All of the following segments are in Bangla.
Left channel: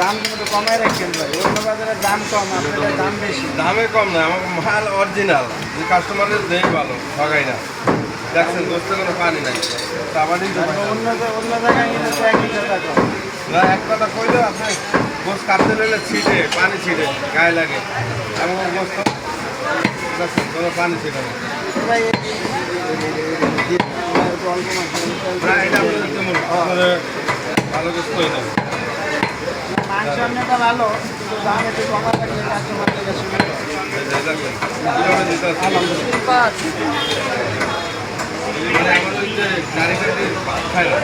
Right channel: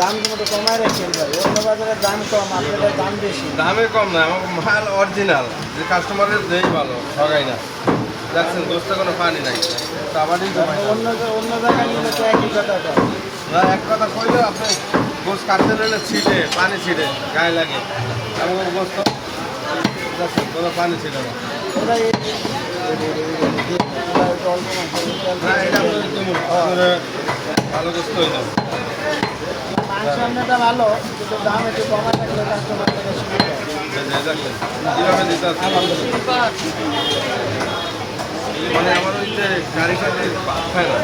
দাম কিন্তু কমাই রাখছেন ভাই, অন্য বাজারে দাম কম, আপনাদের দাম বেশি। দামে কম না, আমার মাল অরিজিনাল, যে কাস্টমারের দেই ভালো, ঠগাই না। দেখছেন গোস্তে কোনো পানি নাই, আবারই তো অন্য অন্য জায়গায় নিলে তো একই কথা কম। না, এক কথা কইলে আপনি গোস কাটতে নিলে ছিটে, পানি ছিটে গায়ে লাগে। আমার গোস্ত দেখছেন কোনো পানি ছিল না। এবার অল্প না, এটা আপনাদের কেমন আপনারা ভালো গোস্ত হয়ে যাবে। মাংসটা ভালো, কিন্তু দাম একটু কমা থাকলে কাস্টমার বেশি ভালো। দেখেন কীভাবে দিতে আছে। আলহামদুলিল্লাহ। মানে আমাদের যে গাড়ি গাড়ি খায় না,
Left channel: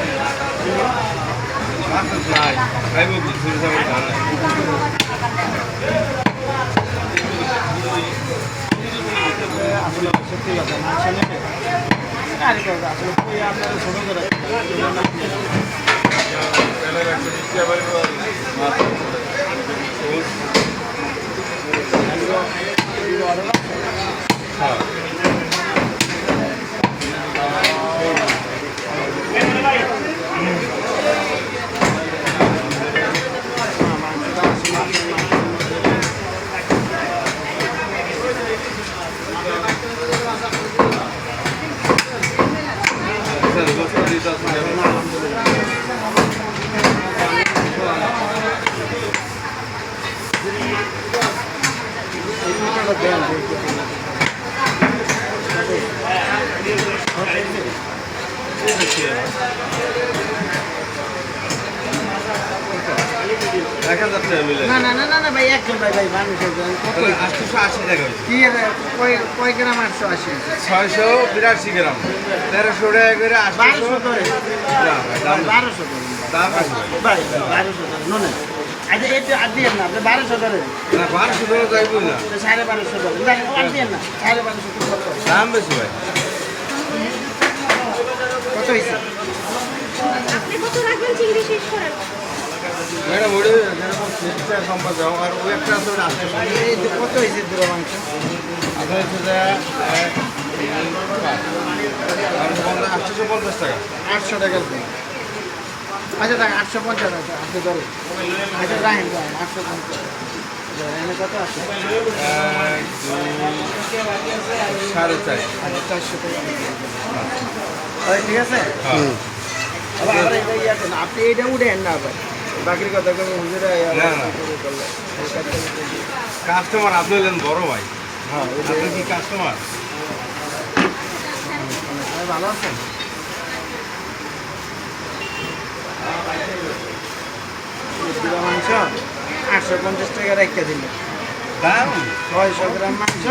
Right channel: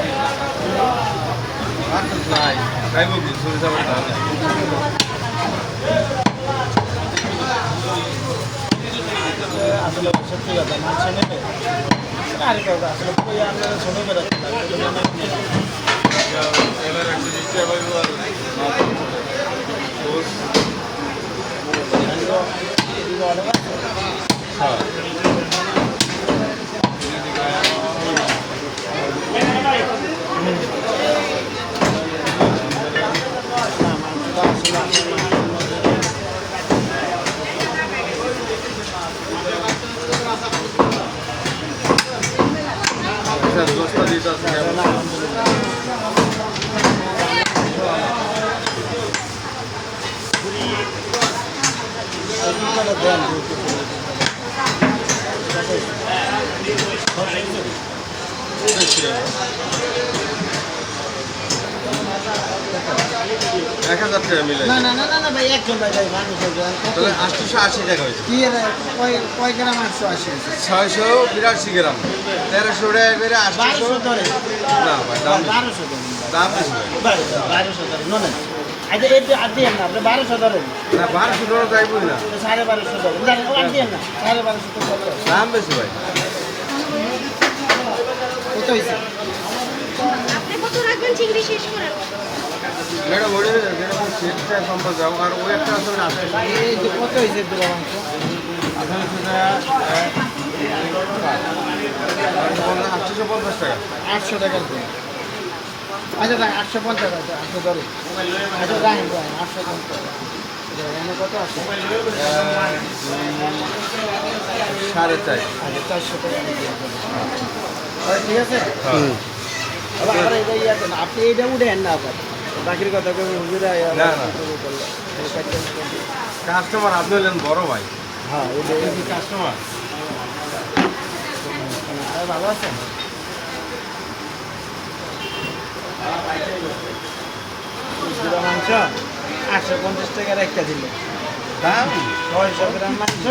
মাছ নাই, খাইব কি শুনছে আমার ধান নাই। আসলে সত্যি কথা, মাংস নেবে আরে করবো আসলে কই আপনারা ছোটো করে হ্যাঁ গোস্ত দিতে আছে। দেন দেখা যাচ্ছে মিলে না না না না না ভাই, একজন ভাই ভাই মানুষের দেন কত 880 টাকা হয়েছে। কি কয় গ্রাম 880 682 গ্রাম, 1300 টাকা করে 800। 1200 ধরে না ভাই, দাম 1200 ধরে দাম বেশি। 1200 ধরে নো না আচ্ছা এটা আর দিয়েন না, আপনি 1200 ধরেন, না 1200 টাকা যাইব না, 1250 ধরেন, জানেন আর দিয়েন না 1250 তো কত দাম বেশি ভাই। কত হয়েছে? আপনি কত রাখবেন চিংড়ি শেষ করেন? ম্যাডাম ওটা যেরকম সেটটা সম্পর্ক আর ওই একটা আছে ওটা আছে। এই যে কত হয়েছে দুটো মাংস? আপনার সেটা 850 টাকা। 800 টাকা দিয়ে। আচ্ছা দেখ 850 টাকা আপনি ধরুন, আচ্ছা রাখেন রাখেন 850 এনে কত আছে? 4.5। 400 টাকা তাহলে ঠিক আছে। আবার আবার এটা ইয়া করেন, আপনি এইটা উঠেন না আবার বাকির কথা কেউ হুজুরা না, না। কাস্টমার আপনি হলেন বড় ভাই, হ্যাঁ আপনি কি কাস্টমার? ভালো আছেন? মাংস 850 টাকা রেখে দিলে দাম 600 গ্রাম মাংস